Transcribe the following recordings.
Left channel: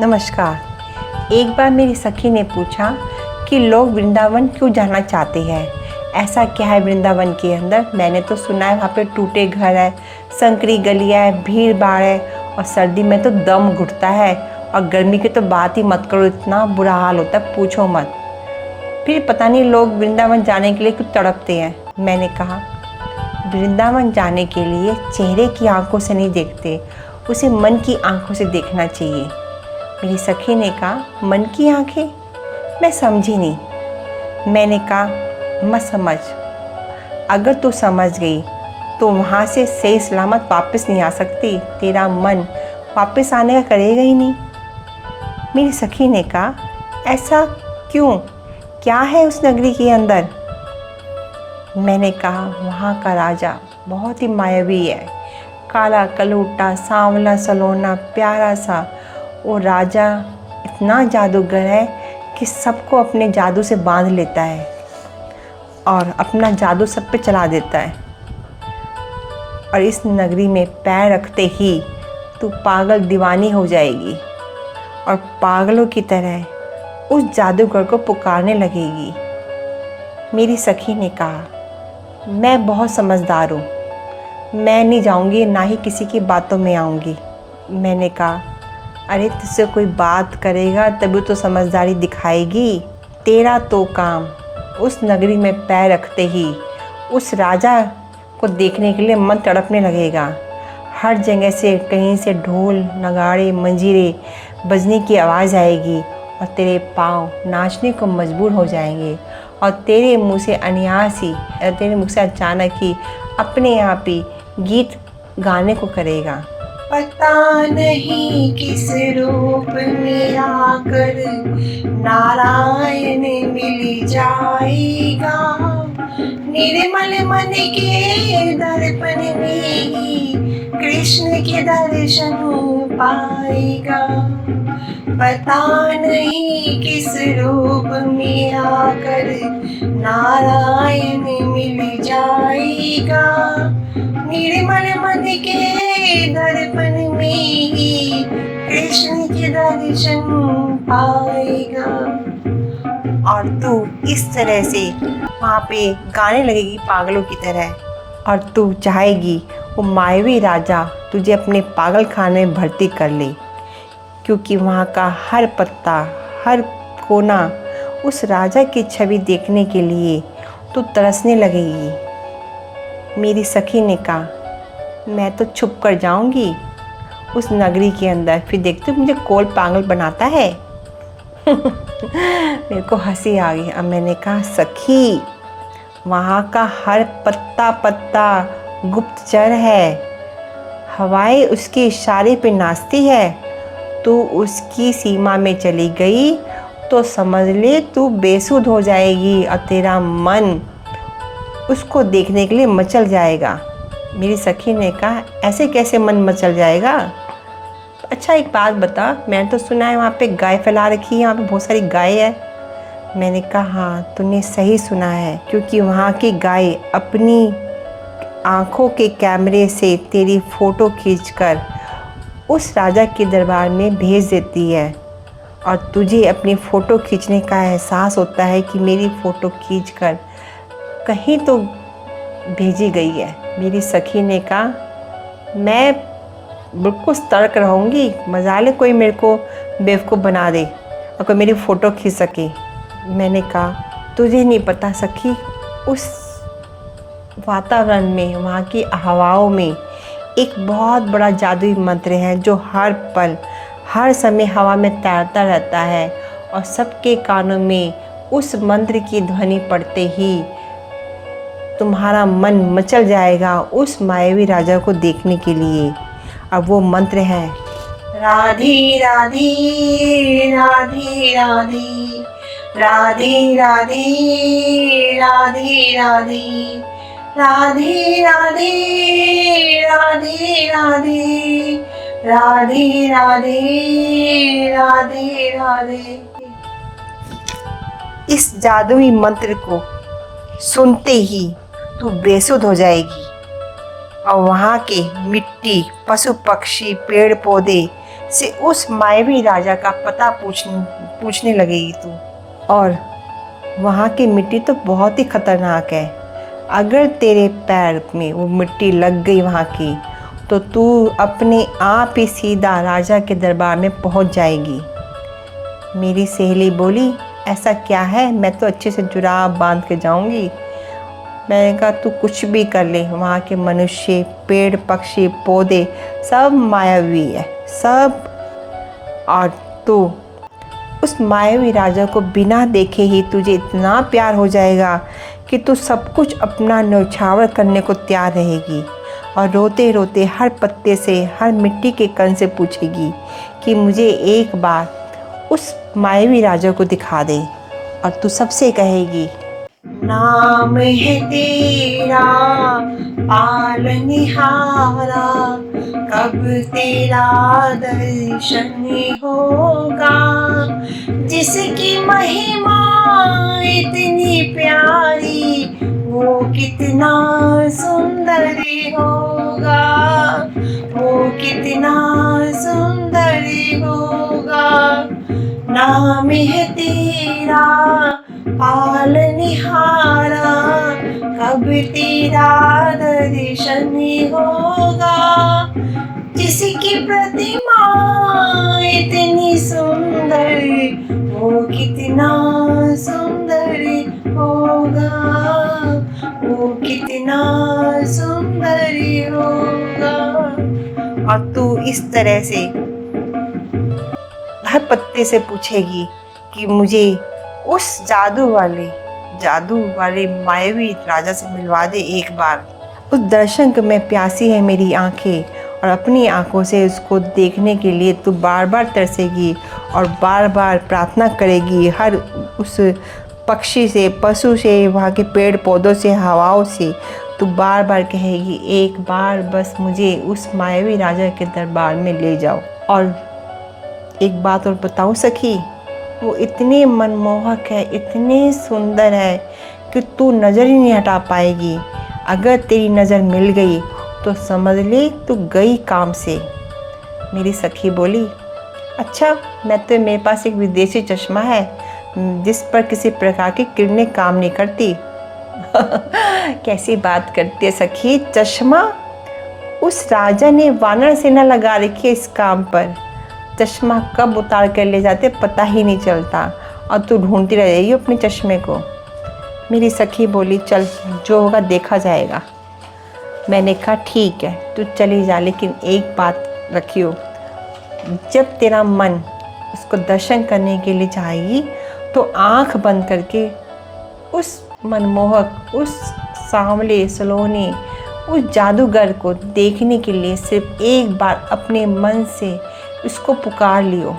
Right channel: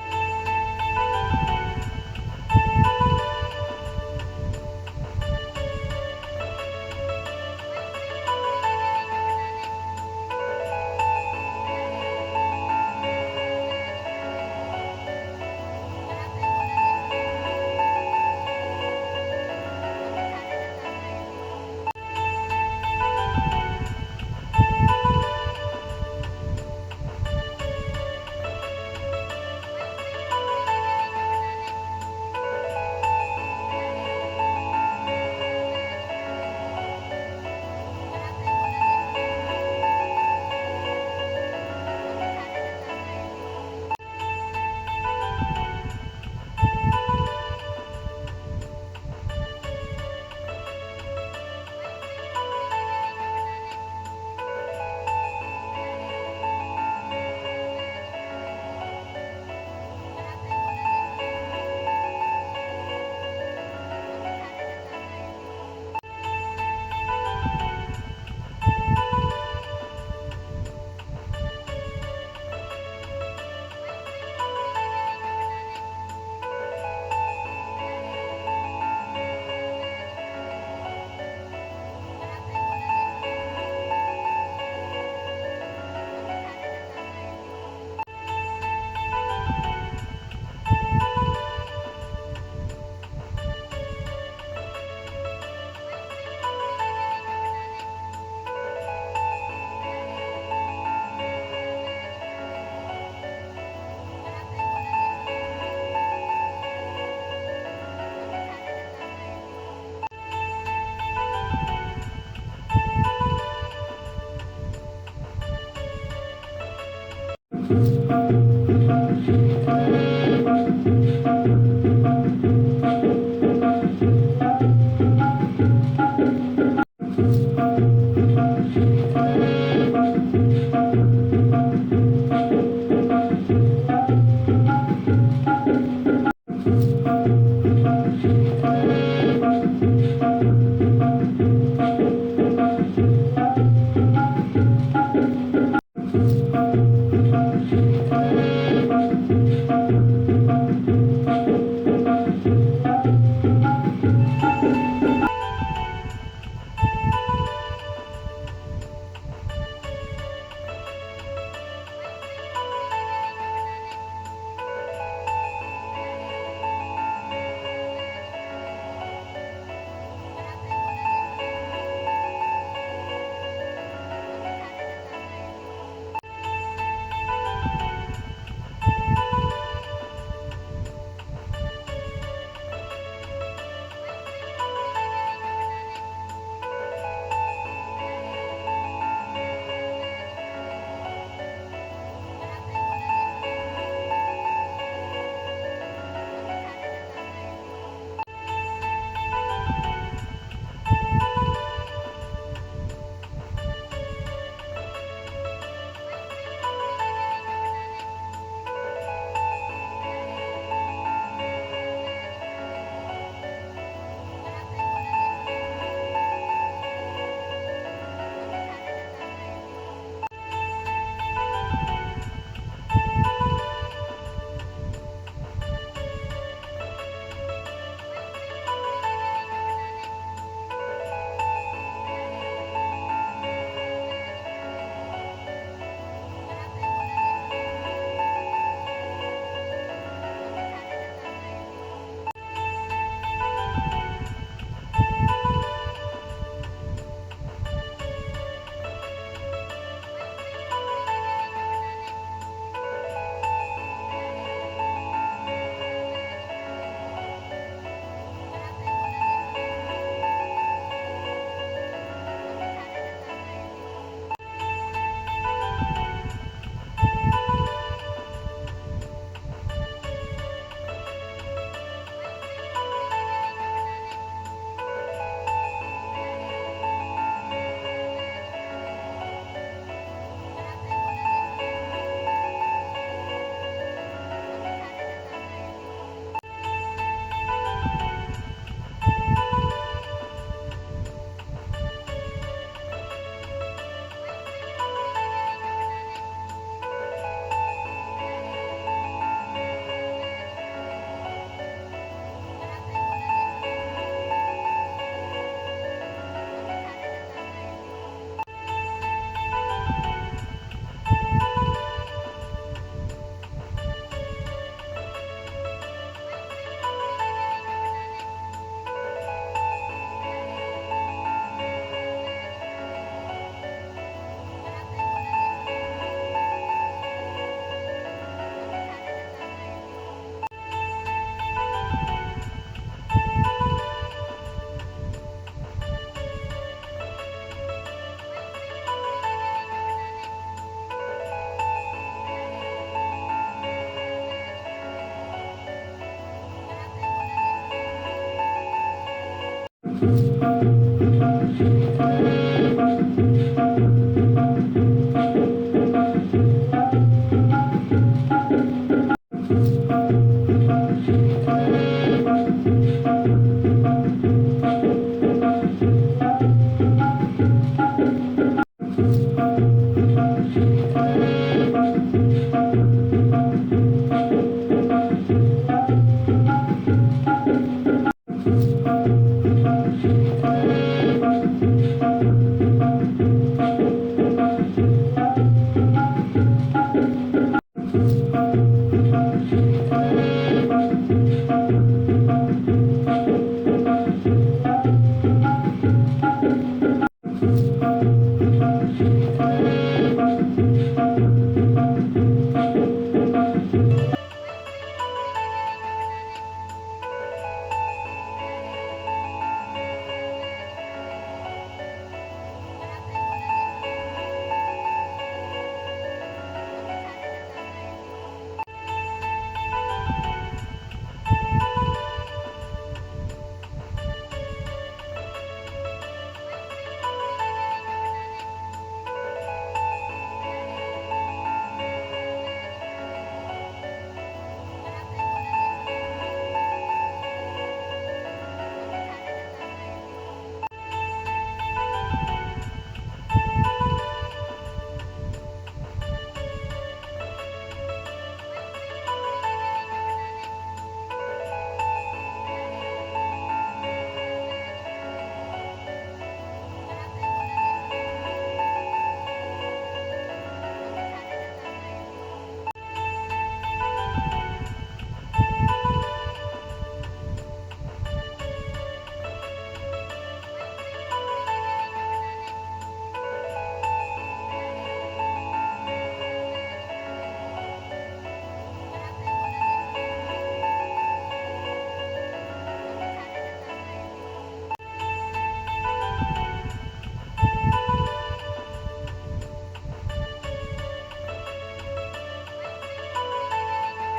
नमस्कार। एक बार मेरी सखी ने पूछा कि लोग वृंदावन क्यों जाना चाहते हैं। ऐसा क्या है वृंदावन के अंदर? मैंने तो सुना है वहाँ पे टूटे घर है, संकरी गलियाँ है, भीड़ भाड़ है और सर्दी में तो दम घुटता है और गर्मी की तो बात ही मत करो, इतना बुरा हाल होता है पूछो मत। फिर पता नहीं लोग वृंदावन जाने के लिए क्यों तड़पते हैं। मैंने कहा वृंदावन जाने के लिए चेहरे की आंखों से नहीं देखते, उसे मन की आंखों से देखना चाहिए। मेरी सखी ने कहा मन की आंखें? मैं समझी नहीं। मैंने कहा मत समझ, अगर तू समझ गई तो वहाँ से सही सलामत वापस नहीं आ सकती, तेरा मन वापस आने का करेगा ही नहीं। मेरी सखी ने कहा ऐसा क्यों, क्या है उस नगरी के अंदर? मैंने कहा वहाँ का राजा बहुत ही मायावी है, काला कलूटा सांवला सलोना प्यारा सा। वो राजा इतना जादूगर है कि सबको अपने जादू से बांध लेता है और अपना जादू सब पे चला देता है। और इस नगरी में पैर रखते ही तू पागल दीवानी हो जाएगी और पागलों की तरह उस जादूगर को पुकारने लगेगी। मेरी सखी ने कहा मैं बहुत समझदार हूँ, मैं नहीं जाऊँगी, ना ही किसी की बातों में आऊँगी। मैंने कहा अरे तुझसे कोई बात करेगा तभी तो समझदारी दिखाएगी। तेरा तो काम उस नगरी में पैर रखते ही उस राजा को देखने के लिए मन तड़पने लगेगा। हर जगह से कहीं से ढोल नगाड़े मंजीरे बजने की आवाज़ आएगी और तेरे पाँव नाचने को मजबूर हो जाएंगे और तेरे मुंह से तेरे मुख से अचानक ही अपने आप ही गीत गाने को करेगा। पता नहीं किस रूप में आकर नारायण मिल जाएगा, निर्मल मन के दर्पण में ही कृष्ण के दर्शन पाएगा। पता नहीं किस रूप में आकर नारायण मिल जाएगा, निर्मल मन के दर्पण में ही कृष्ण के दर्शन पाएगा। और तू इस तरह से वहाँ पे गाने लगेगी पागलों की तरह और तू चाहेगी वो मायावी राजा तुझे अपने पागल खाने में भर्ती कर ले, क्योंकि वहाँ का हर पत्ता हर कोना उस राजा की छवि देखने के लिए तू तरसने लगेगी। मेरी सखी ने कहा मैं तो छुप कर जाऊंगी उस नगरी के अंदर, फिर देखते मुझे कौन पागल बनाता है। मेरे को हंसी आ गई। अब मैंने कहा सखी वहाँ का हर पत्ता पत्ता गुप्तचर है, हवाएं उसके इशारे पे नाचती है। तू उसकी सीमा में चली गई तो समझ ले तू बेसुध हो जाएगी और तेरा मन उसको देखने के लिए मचल जाएगा। मेरी सखी ने कहा ऐसे कैसे मन मचल जाएगा? अच्छा एक बात बता, मैंने तो सुना है वहाँ पे गाय फैला रखी है, यहाँ पे बहुत सारी गाय है। मैंने कहा हाँ तूने सही सुना है, क्योंकि वहाँ की गाय अपनी आँखों के कैमरे से तेरी फ़ोटो खींचकर उस राजा के दरबार में भेज देती है और तुझे अपनी फ़ोटो खींचने का एहसास होता है कि मेरी फ़ोटो खींचकर कहीं तो भेजी गई है। मेरी सखी ने कहा मैं बिल्कुल सतर्क रहूँगी, मजाले कोई मेरे को बेवकूफ़ बना दे और कोई मेरी फ़ोटो खींच सके। मैंने कहा तुझे नहीं पता सखी, उस वातावरण में वहाँ की हवाओं में एक बहुत बड़ा जादुई मंत्र है जो हर पल हर समय हवा में तैरता रहता है और सबके कानों में उस मंत्र की ध्वनि पड़ते ही तुम्हारा मन मचल जाएगा उस मायावी राजा को देखने के लिए। अब वो मंत्र है राधे राधे राधे राधे राधे राधे राधे राधे राधे राधे राधे राधे राधे राधे राधे राधे। इस जादुई मंत्र को सुनते ही तू बेसुध हो जाएगी और वहाँ के मिट्टी पशु पक्षी पेड़ पौधे से उस मायावी राजा का पता पूछने लगेगी तू। और वहाँ की मिट्टी तो बहुत ही खतरनाक है। अगर तेरे पैर में वो मिट्टी लग गई वहाँ की, तो तू अपने आप ही सीधा राजा के दरबार में पहुँच जाएगी। मेरी सहेली बोली, ऐसा क्या है, मैं तो अच्छे से जुराब बांध के जाऊंगी। मैंने कहा तू कुछ भी कर ले, वहाँ के मनुष्य, पेड़, पक्षी, पौधे सब मायावी है, सब। और तू उस मायावी राजा को बिना देखे ही तुझे इतना प्यार हो जाएगा कि तू सब कुछ अपना न्यौछावर करने को तैयार रहेगी और रोते रोते हर पत्ते से, हर मिट्टी के कण से पूछेगी कि मुझे एक बार उस मायावी राजा को दिखा दे। और तू सबसे कहेगी, नाम है तेरा पालनहारा, कब तेरा दर्शन होगा। जिसकी महिमा इतनी प्यारी, वो कितना सुंदर होगा, वो कितना सुंदर होगा। नाम है तेरा पालनहारा, कब तेरा दर्शन होगा। जिसकी प्रतिमा इतनी सुंदर, वो कितना सुंदर होगा, वो कितना सुंदर होगा। और तू इस तरह से हर पत्ते से पूछेगी कि मुझे उस जादू वाले मायावी राजा से मिलवा दे एक बार। उस दर्शन को मैं प्यासी है मेरी आंखें, और अपनी आंखों से उसको देखने के लिए तू बार बार तरसेगी और बार बार प्रार्थना करेगी। हर उस पक्षी से, पशु से, वहाँ के पेड़ पौधों से, हवाओं से तू बार बार कहेगी, एक बार बस मुझे उस मायावी राजा के दरबार में ले जाओ। और एक बात और बताऊँ सखी, वो इतने मनमोहक है, इतने सुंदर है कि तू नज़र ही नहीं हटा पाएगी। अगर तेरी नज़र मिल गई तो समझ ले तू गई काम से। मेरी सखी बोली, अच्छा, मेरे पास एक विदेशी चश्मा है जिस पर किसी प्रकार की किरणें काम नहीं करती। कैसी बात करती है सखी, चश्मा? उस राजा ने वानर सेना लगा रखी है इस काम पर। चश्मा कब उतार कर ले जाते पता ही नहीं चलता, और तू ढूंढती रह जाएगी अपने चश्मे को। मेरी सखी बोली, चल जो होगा देखा जाएगा। मैंने कहा ठीक है, तू चली जा, लेकिन एक बात रखियो, जब तेरा मन उसको दर्शन करने के लिए चाहेगी तो आंख बंद करके उस मनमोहक, उस सांवले सलोने, उस जादूगर को देखने के लिए सिर्फ एक बार अपने मन से इसको पुकार लियो।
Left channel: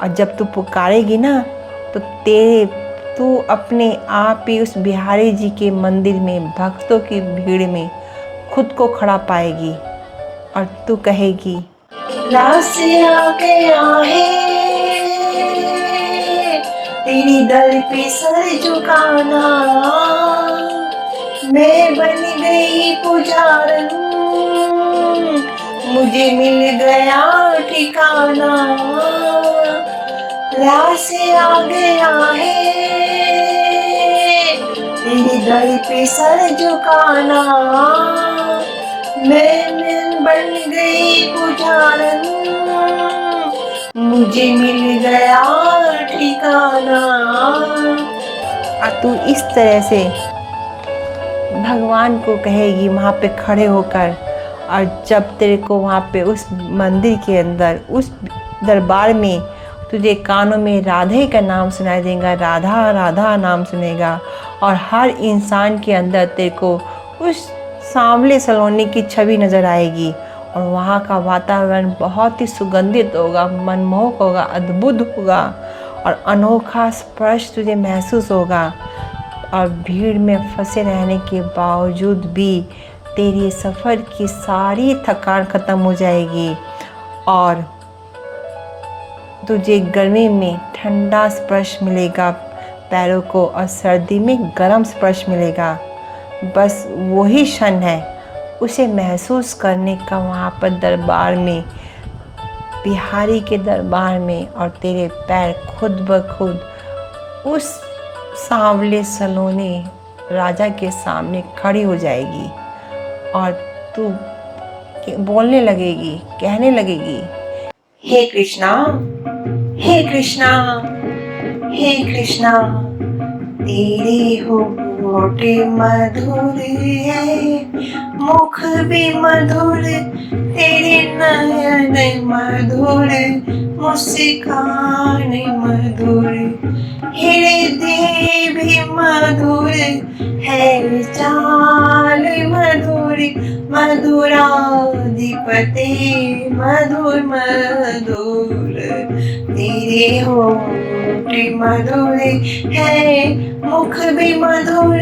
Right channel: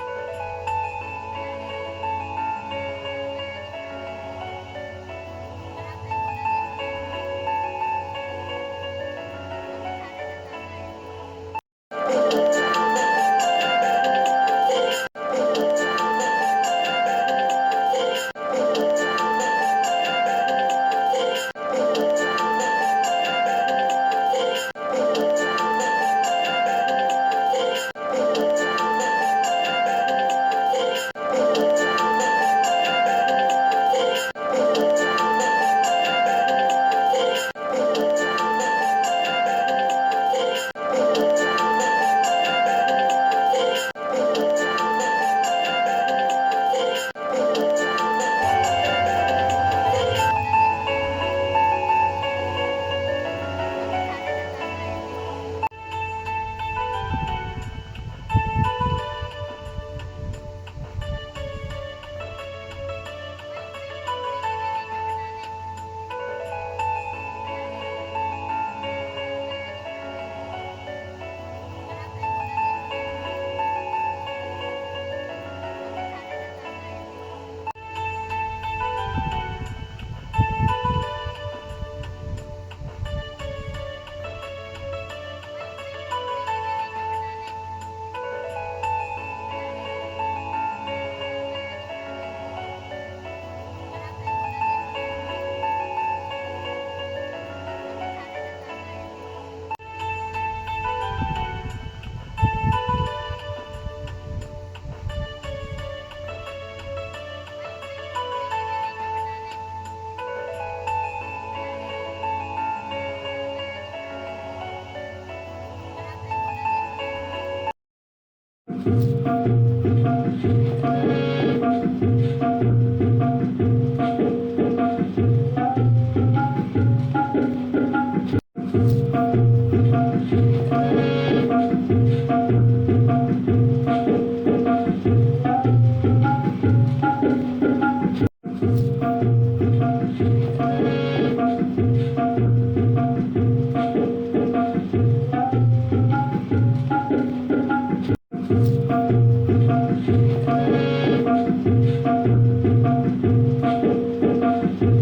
और जब तू पुकारेगी ना तो तू अपने आप ही उस बिहारी जी के मंदिर में भक्तों की भीड़ में खुद को खड़ा पाएगी। और तू कहेगी, रास आ गया है तेरी दर पे सर झुकाना, मैं बन गई पुजारन, मुझे मिल गया ठिकाना। रास आ गया है तेरी दर पे सर झुकाना, मैं बन गई पुजारन, मुझे मिल गया ठिकाना। और तू इस तरह से भगवान को कहेगी वहाँ पे खड़े होकर। और जब तेरे को वहाँ पे उस मंदिर के अंदर, उस दरबार में तुझे कानों में राधे का नाम सुनाई देगा, राधा राधा नाम सुनेगा, और हर इंसान के अंदर तेरे को उस सांवले सलोने की छवि नज़र आएगी। और वहाँ का वातावरण बहुत ही सुगंधित होगा, मनमोहक होगा, अद्भुत होगा, और अनोखा स्पर्श तुझे महसूस होगा। और भीड़ में फंसे रहने के बावजूद भी तेरी सफ़र की सारी थकान ख़त्म हो जाएगी, और तुझे गर्मी में ठंडा स्पर्श मिलेगा पैरों को, और सर्दी में गर्म स्पर्श मिलेगा। बस वही क्षण है, उसे महसूस करने का वहाँ पर दरबार में बिहारी के दरबार में और तेरे पैर खुद ब खुद उस सांवले सलोने राजा के सामने खड़ी हो जाएगी और तू बोलने लगेगी, कहने लगेगी, हे कृष्णा, हे कृष्णा, हे कृष्णा, तेरे होठ मधुर है, मुख भी मधुर, तेरे नयन मधुर, मुस्कान मधुर, हृदय भी मधुर है, चाल मधुर, मधुराधिपति मधुर मधुर, तेरे होठ मधुर है, मुख भी मधुर,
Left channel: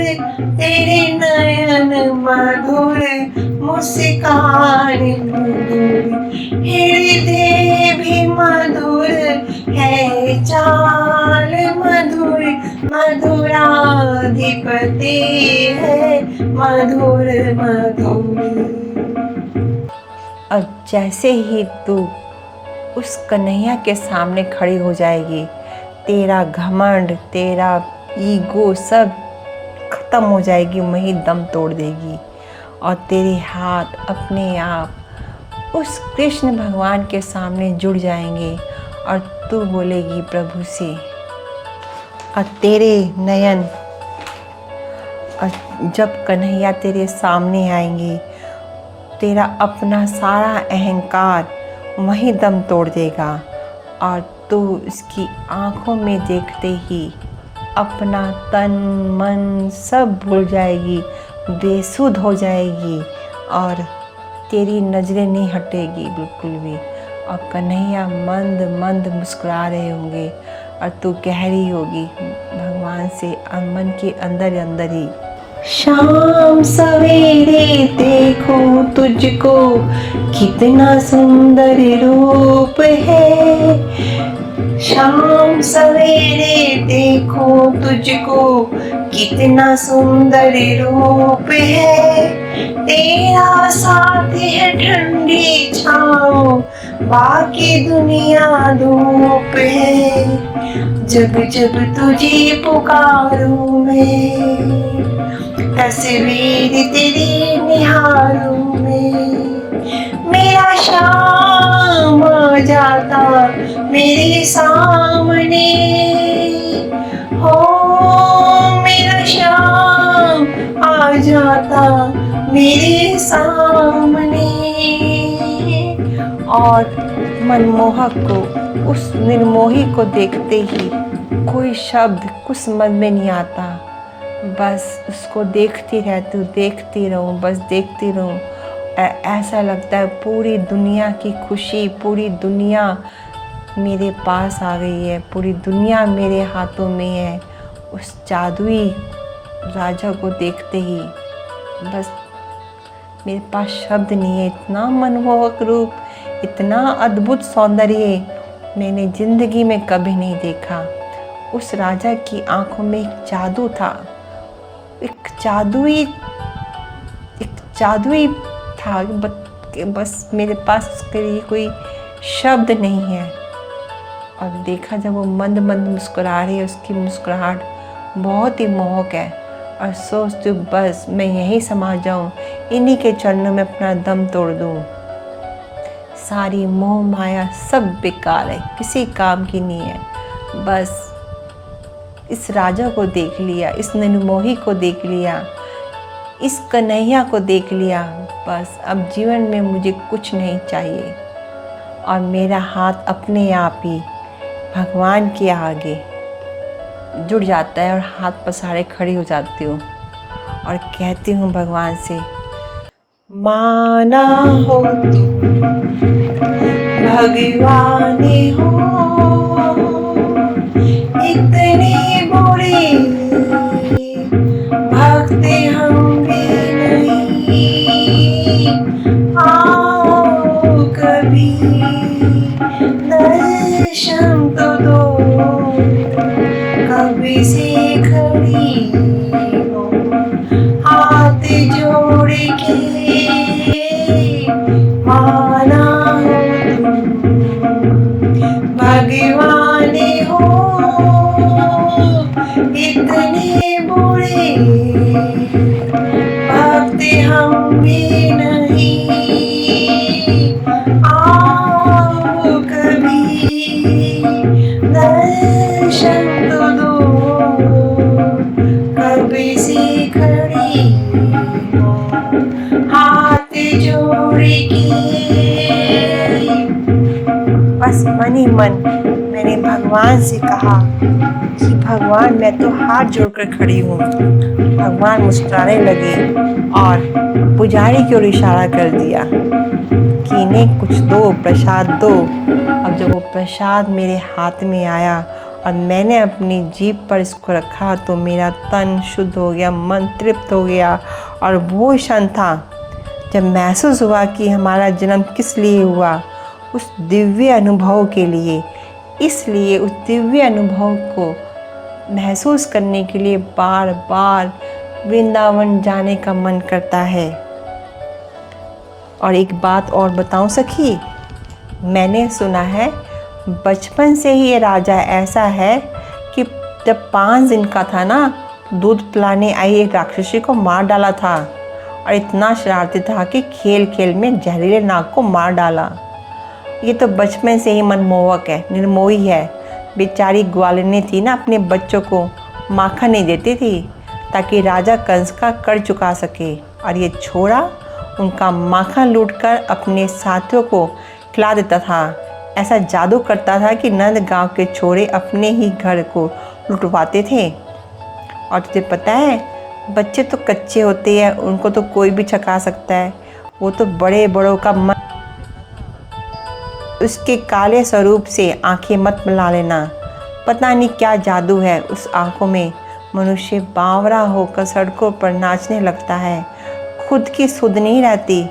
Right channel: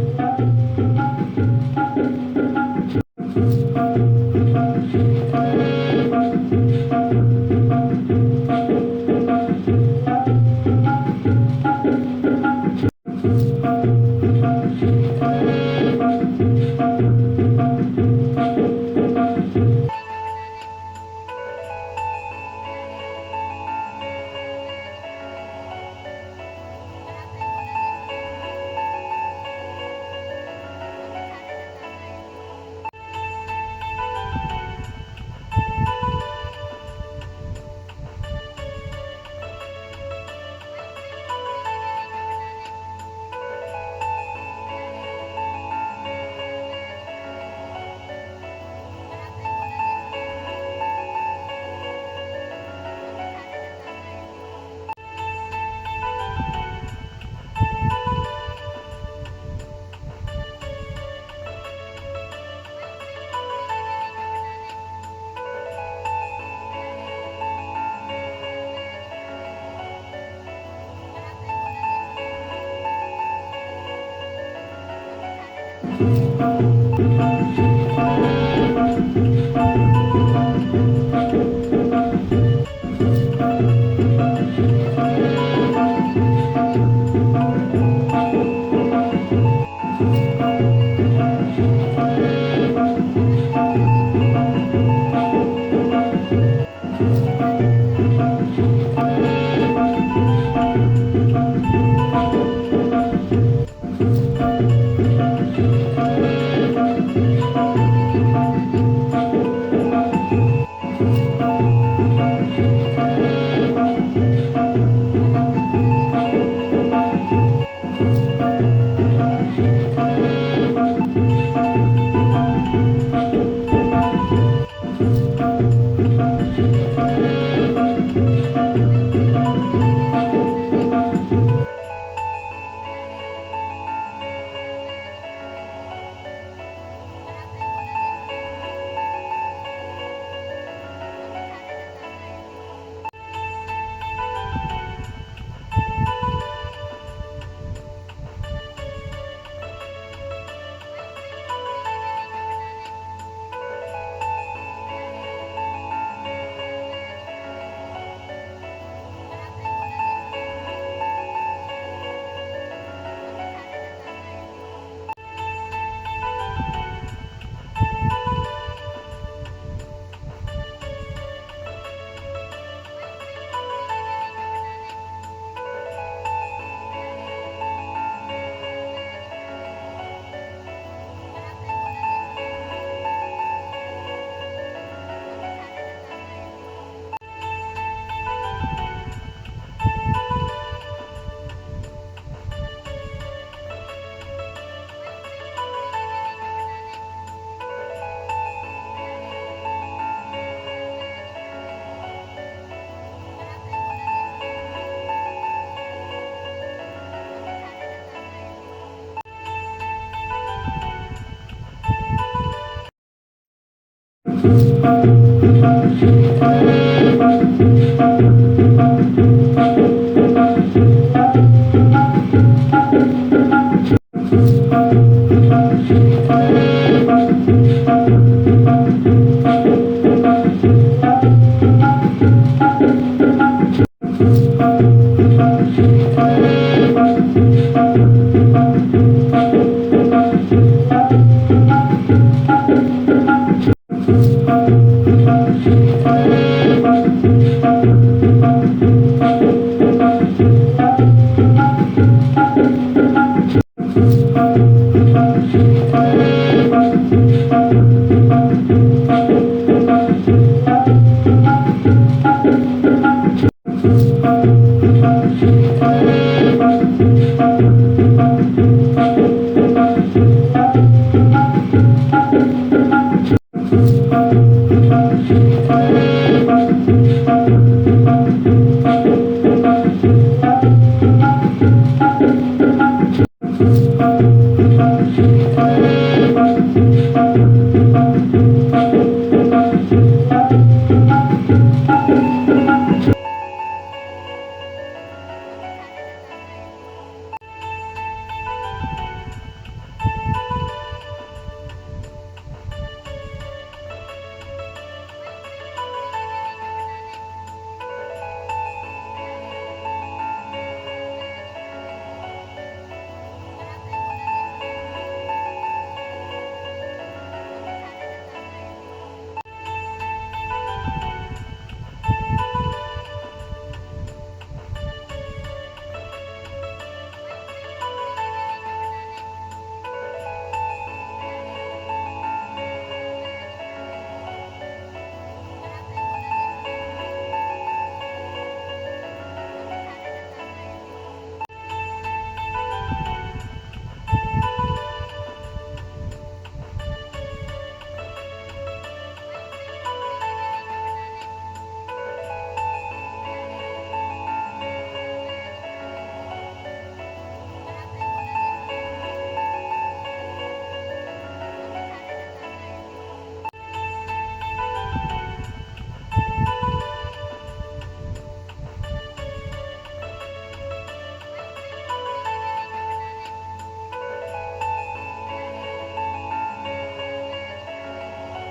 तेरे नयन मधुर, मुस्कान मधुर, हृदय भी मधुर है, चाल मधुर, मधुराधिपति है मधुर मधुर। अब जैसे ही तू उस कन्हैया के सामने खड़ी हो जाएगी, तेरा घमंड, तेरा ईगो सब खत्म हो जाएगी, वहीं दम तोड़ देगी और तेरे हाथ अपने आप उस कृष्ण भगवान के सामने जुड़ जाएंगे और तू बोलेगी प्रभु से, और तेरे नयन, और जब कन्हैया तेरे सामने आएंगे, तेरा अपना सारा अहंकार वहीं दम तोड़ देगा और तू इसकी आंखों में देखते ही अपना तन मन सब भूल जाएगी, बेसुध हो जाएगी और तेरी नज़रें नहीं हटेगी बिल्कुल भी, और कन्हैया मंद मंद मुस्कुरा रहे होंगे और तू कह रही होगी भगवान से मन के अंदर ही, शाम सवेरे देखो तुझको कितना सुंदर रूप है, शाम सवेरे देखो तुझको कितना सुंदर रूप है, तेरा साथ है ठंडी छाँव, बाकी दुनिया धूप है, जब जब तुझे पुकारूं मैं, तस्वीर तेरी निहारूं मैं, मेरा शाम आ जाता मेरे सामने, हो मेरा शाम आ जाता मेरे सामने, और मनमोहक को, उस निर्मोही को देखते ही कोई शब्द कुछ समझ में नहीं आता, बस उसको देखती रहूं, बस देखती रहूं। ऐसा लगता है पूरी दुनिया की खुशी, पूरी दुनिया मेरे पास आ गई है, पूरी दुनिया मेरे हाथों में है। उस जादुई राजा को देखते ही बस मेरे पास शब्द नहीं है, इतना मनमोहक रूप, इतना अद्भुत सौंदर्य मैंने ज़िंदगी में कभी नहीं देखा। उस राजा की आंखों में एक जादू था, एक जादुई था, बस मेरे पास उसके लिए कोई शब्द नहीं है। और देखा जब वो मंद मंद मुस्कुरा रही है, उसकी मुस्कुराहट बहुत ही मोहक है, और सोचती हूँ बस मैं यहीं समा जाऊँ, इन्हीं के चरणों में अपना दम तोड़ दूँ। सारी मोह माया सब बेकार है, किसी काम की नहीं है। बस इस राजा को देख लिया, इस निर्मोही को देख लिया, इस कन्हैया को देख लिया, बस अब जीवन में मुझे कुछ नहीं चाहिए। और मेरा हाथ अपने आप ही भगवान के आगे जुड़ जाता है और हाथ पसारे खड़ी हो जाती हूँ और कहती हूँ भगवान से, माना हो भगवान हो, इतने बुरे भक्त हम नहीं, आओ कभी दर्शन तो दो, कभी से खड़ी हो हाथ जोड़ के, माना हो बस मन ही मन मैंने भगवान से कहा कि भगवान मैं तो हाथ जोड़कर खड़ी हूँ। भगवान मुस्कुराने लगे और पुजारी की ओर इशारा कर दिया कि इन्हें कुछ दो, प्रसाद दो। अब जब वो प्रसाद मेरे हाथ में आया और मैंने अपनी जीभ पर इसको रखा तो मेरा तन शुद्ध हो गया, मन तृप्त हो गया। और वो क्षण था जब महसूस हुआ कि हमारा जन्म किस लिए हुआ, उस दिव्य अनुभव के लिए। इसलिए उस दिव्य अनुभव को महसूस करने के लिए बार बार वृंदावन जाने का मन करता है। और एक बात और बताऊं सखी, मैंने सुना है बचपन से ही ये राजा ऐसा है कि जब 5 दिन का था ना, दूध पिलाने आई एक राक्षसी को मार डाला था। और इतना शरारती था कि खेल खेल में जहरीले नाग को मार डाला। ये तो बचपन से ही मनमोहक है, निर्मोही है। बेचारी ग्वालिनी थी ना, अपने बच्चों को माखन नहीं देती थी ताकि राजा कंस का कर चुका सके। और ये छोरा उनका माखन लूटकर अपने साथियों को खिला देता था। ऐसा जादू करता था कि नंद गांव के छोरे अपने ही घर को लुटवाते थे। और तुझे पता है, बच्चे तो कच्चे होते हैं, उनको तो कोई भी छका सकता है। वो तो बड़े बड़ों का मन, उसके काले स्वरूप से आंखें मत मिला लेना। पता नहीं क्या जादू है उस आंखों में। मनुष्य बावरा होकर सड़कों पर नाचने लगता है, खुद की सुध नहीं रहती,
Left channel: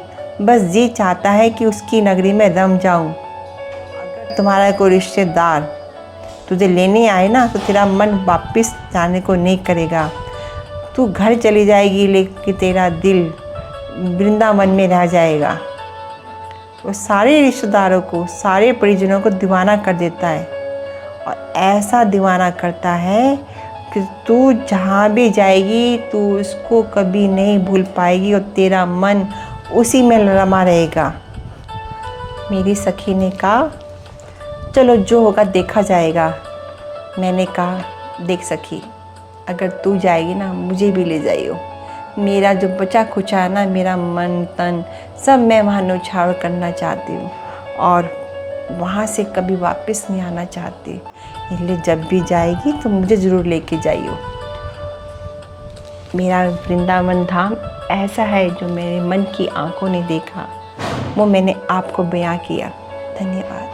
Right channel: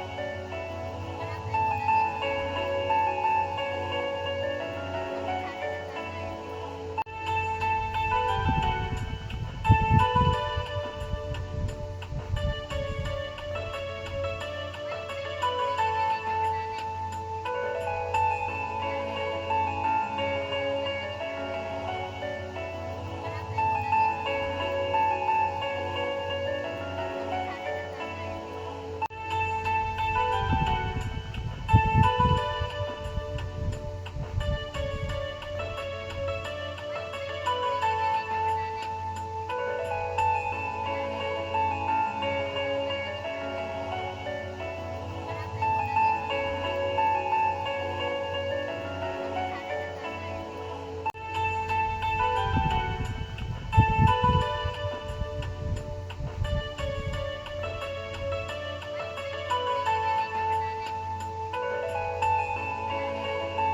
बस ये चाहता है कि उसकी नगरी में रम जाऊं। तुम्हारा कोई रिश्तेदार तुझे लेने आए ना तो तेरा मन वापस जाने को नहीं करेगा। तू घर चली जाएगी लेकिन तेरा दिल वृंदावन में रह जाएगा। वो सारे रिश्तेदारों को, सारे परिजनों को दीवाना कर देता है। और ऐसा दीवाना करता है कि तू जहाँ भी जाएगी तू उसको कभी नहीं भूल पाएगी और तेरा मन उसी में रमा रहेगा। मेरी सखी ने कहा, चलो जो होगा देखा जाएगा। मैंने कहा, देख सखी, अगर तू जाएगी ना मुझे भी ले जाइयो। मेरा जो बचा खुचा है ना, मेरा मन तन सब मैं वहाँ न्यौछावर करना चाहती हूँ और वहाँ से कभी वापस नहीं आना चाहती। इसलिए जब भी जाएगी तो मुझे ज़रूर लेके जाइयो। मेरा वृंदावन धाम ऐसा है जो मेरे मन की आंखों ने देखा, वो मैंने आपको बयां किया। धन्यवाद।